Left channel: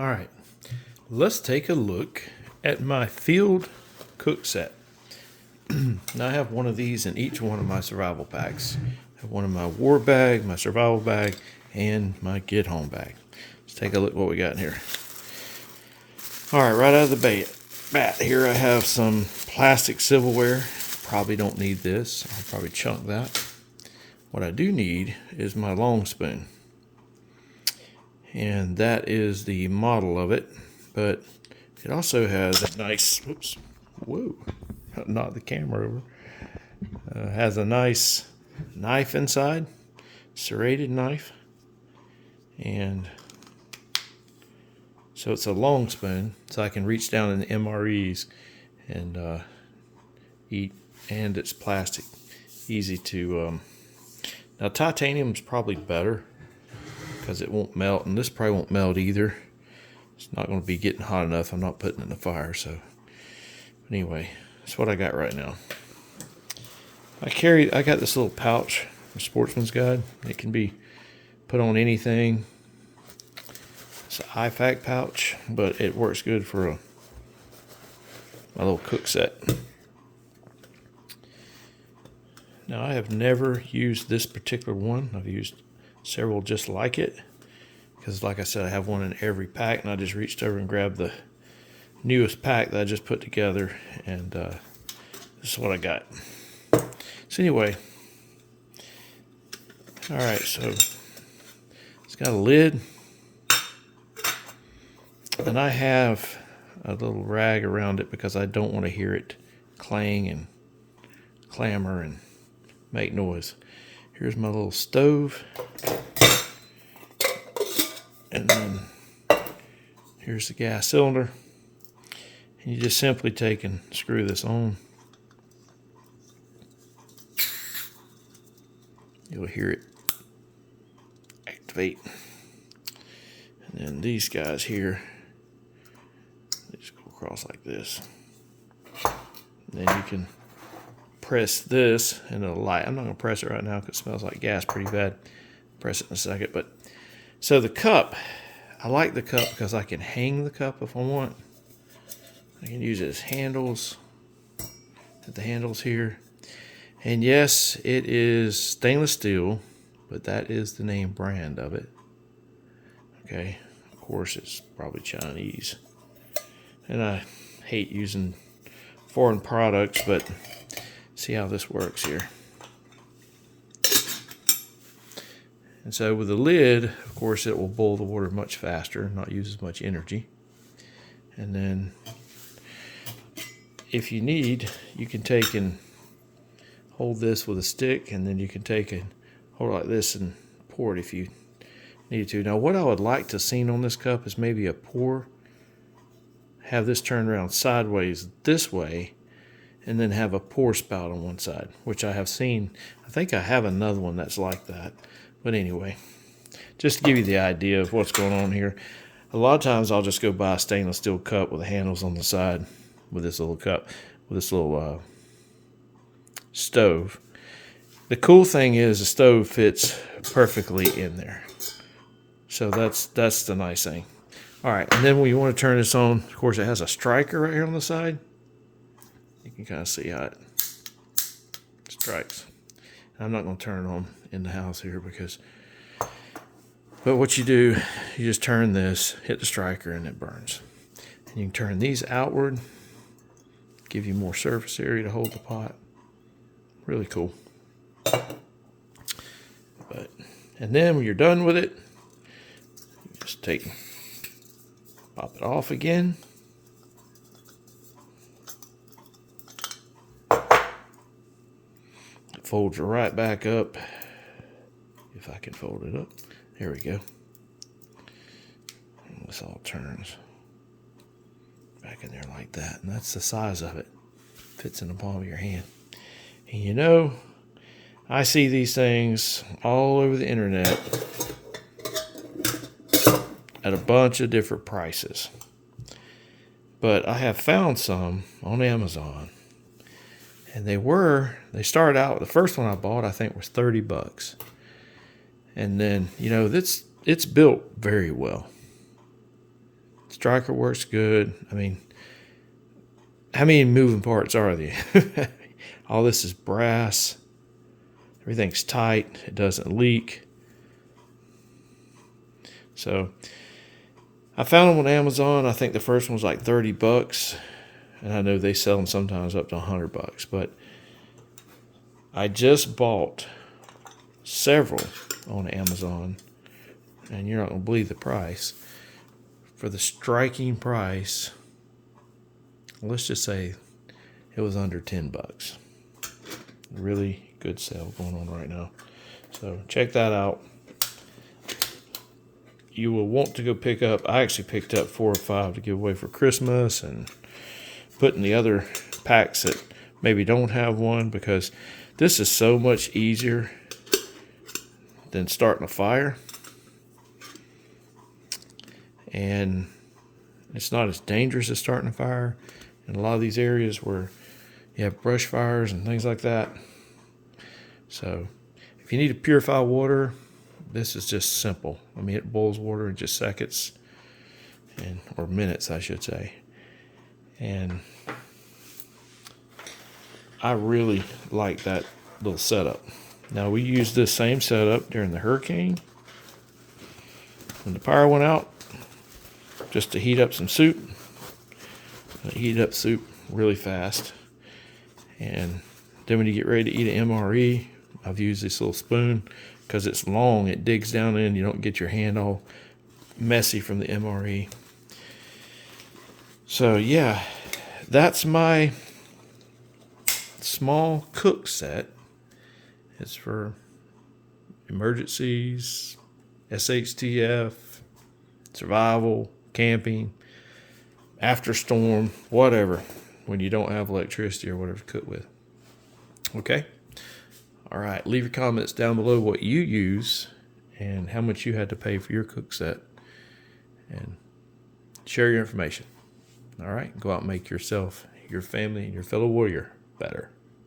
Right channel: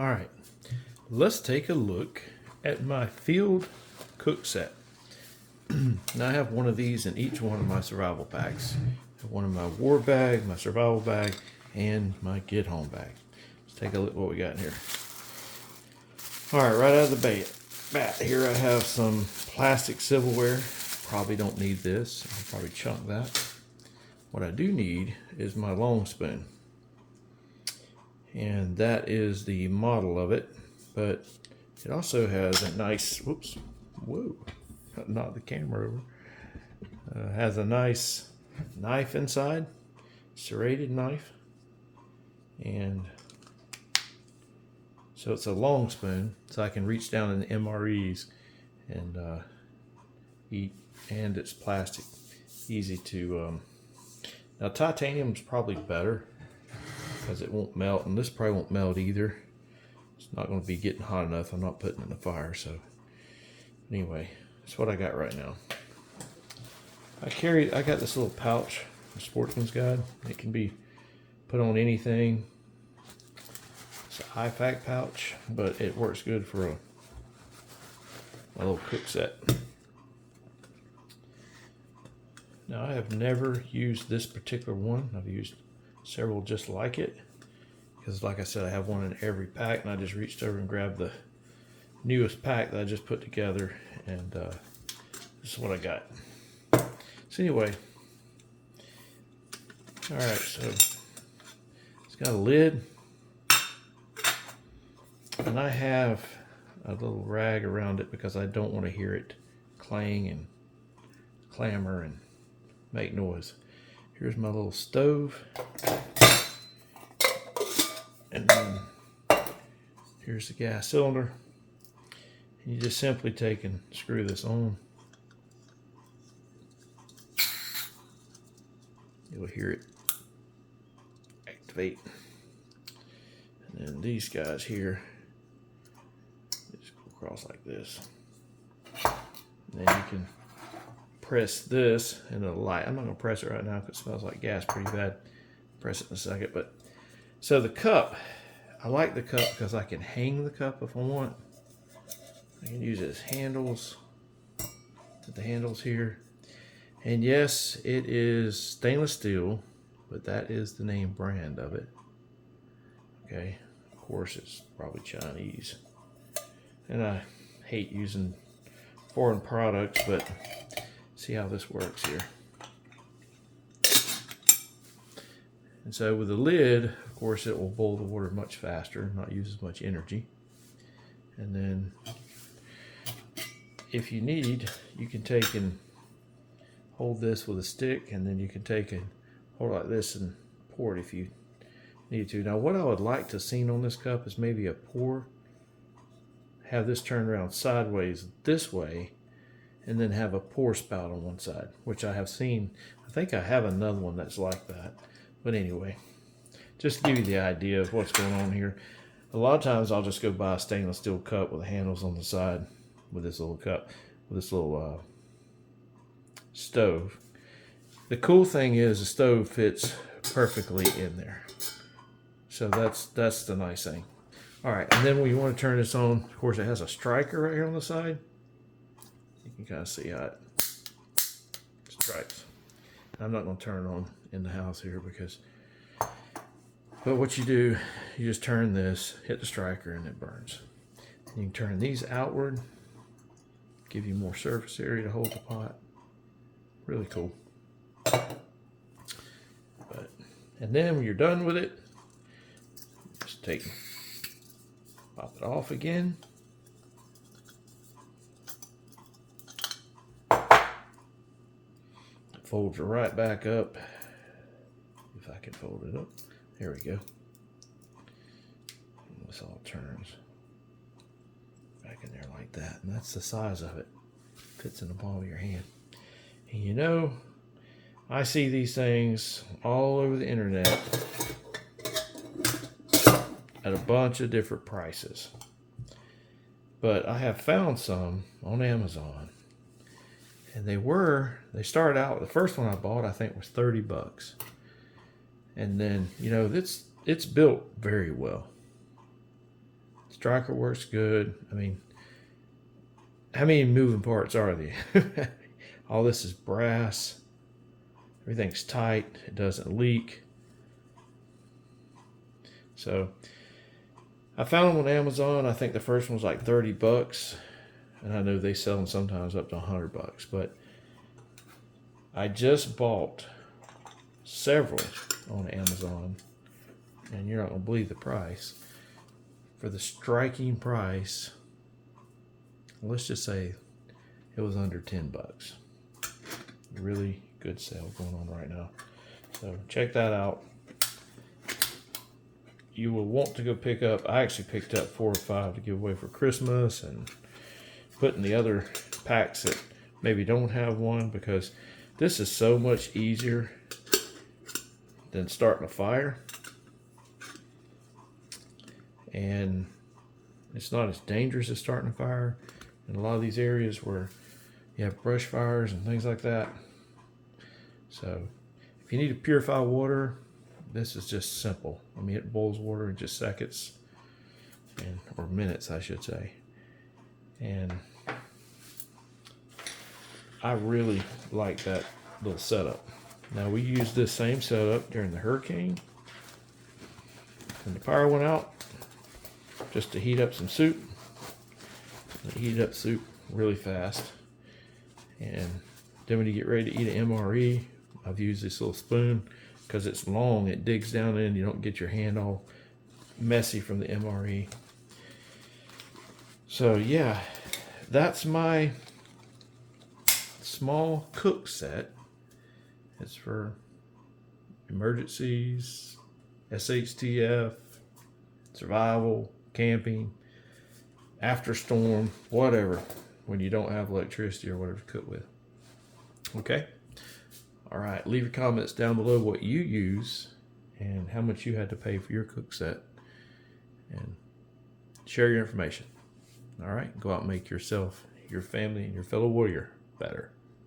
All right, let's take a look at my field cook set. Now I have one of these in each one of my survival packs. I have one in my war bag, my survival bag, and my get home bag. Let's take a look at what we got in here. All right, right out of the bat, here I have some plastic silverware. Probably don't need this. I'll probably chunk that. What I do need is my long spoon. And that is the model of it, but it also has a nice, whoa, knocked the camera over. Has a nice knife inside, serrated knife, and so it's a long spoon, so I can reach down in the MREs and eat, and it's plastic, easy to, now titanium's probably better, because it won't melt, and this probably won't melt either. It's not going to be getting hot enough. I'm not putting it in the fire, so anyway, that's what I got right now. I got this little pouch from Sportsman's Guide. It can be put on anything. It's an IFAC pouch, but it works good for my little cook set. Now I have never used this particular one. I've used several just like it, because like I said, I have one in every pack, and I just reached over and grabbed the newest pack that I just put together, and this is what I got. So anyway, all right, so it's got a lid, and I have a little rag around it because I don't want to hear it clang and clamor and make noise. Here's my little stove, and then here's the gas cylinder, and you just simply take and screw this on. You'll hear it activate, and then these guys here, they just go across like this, and then you can press this and it'll light. I'm not going to press it right now because it smells like gas pretty bad. Press it in a second. But so the cup, I like the cup because I can hang the cup if I want. I can use it as handles. At the handles here. And yes, it is stainless steel, but that is the name brand of it. Okay, of course it's probably Chinese. And I hate using foreign products, but see how this works here. And so with the lid, of course, it will boil the water much faster, not use as much energy. And then if you need, you can take and hold this with a stick, and then you can take and hold it like this and pour it if you need to. Now what I would like to see on this cup is maybe a pour. Have this turned around sideways this way, and then have a pour spout on one side, which I have seen. I think I have another one that's like that. But anyway, just to give you the idea of what's going on here. A lot of times I'll just go buy a stainless steel cup with the handles on the side with this little cup, with this little stove. The cool thing is the stove fits perfectly in there. So that's the nice thing. All right, and then when you want to turn this on, of course it has a striker right here on the side. You can kind of see how it strikes. I'm not going to turn it on in the house here but what you do, you just turn this, hit the striker, and it burns. And you can turn these outward, give you more surface area to hold the pot. Really cool. And then when you're done with it, you just pop it off again. Folds it right back up, if I can fold it up. There we go. And this all turns back in there like that, and that's the size of it. Fits in the palm of your hand. And you know, I see these things all over the internet at a bunch of different prices, but I have found some on Amazon. And they started out, the first one I bought, I think was $30. And then, you know, it's built very well. Striker works good. I mean, how many moving parts are there? All this is brass. Everything's tight. It doesn't leak. So I found them on Amazon. I think the first one was like $30. And I know they sell them sometimes up to $100. But I just bought several on Amazon. And you're not going to believe the price. For the striking price, let's just say it was under $10. Really good sale going on right now. So check that out. You will want to go pick up. I actually picked up 4 or 5 to give away for Christmas and put in the other packs that maybe don't have one, because this is so much easier than starting a fire. And it's not as dangerous as starting a fire in a lot of these areas where you have brush fires and things like that. So if you need to purify water, this is just simple. I mean, it boils water in just seconds, or minutes, I should say. And I really like that little setup. Now, we used this same setup during the hurricane when the power went out, just to heat up some soup. I heated up soup really fast. And then when you get ready to eat an MRE, I've used this little spoon because it's long. It digs down in. You don't get your hand all messy from the MRE. So yeah, that's my small cook set. It's for emergencies, SHTF, survival, camping, after storm, whatever, when you don't have electricity or whatever to cook with. Okay? All right. Leave your comments down below what you use and how much you had to pay for your cook set. And share your information. All right? Go out and make yourself, your family, and your fellow warrior better.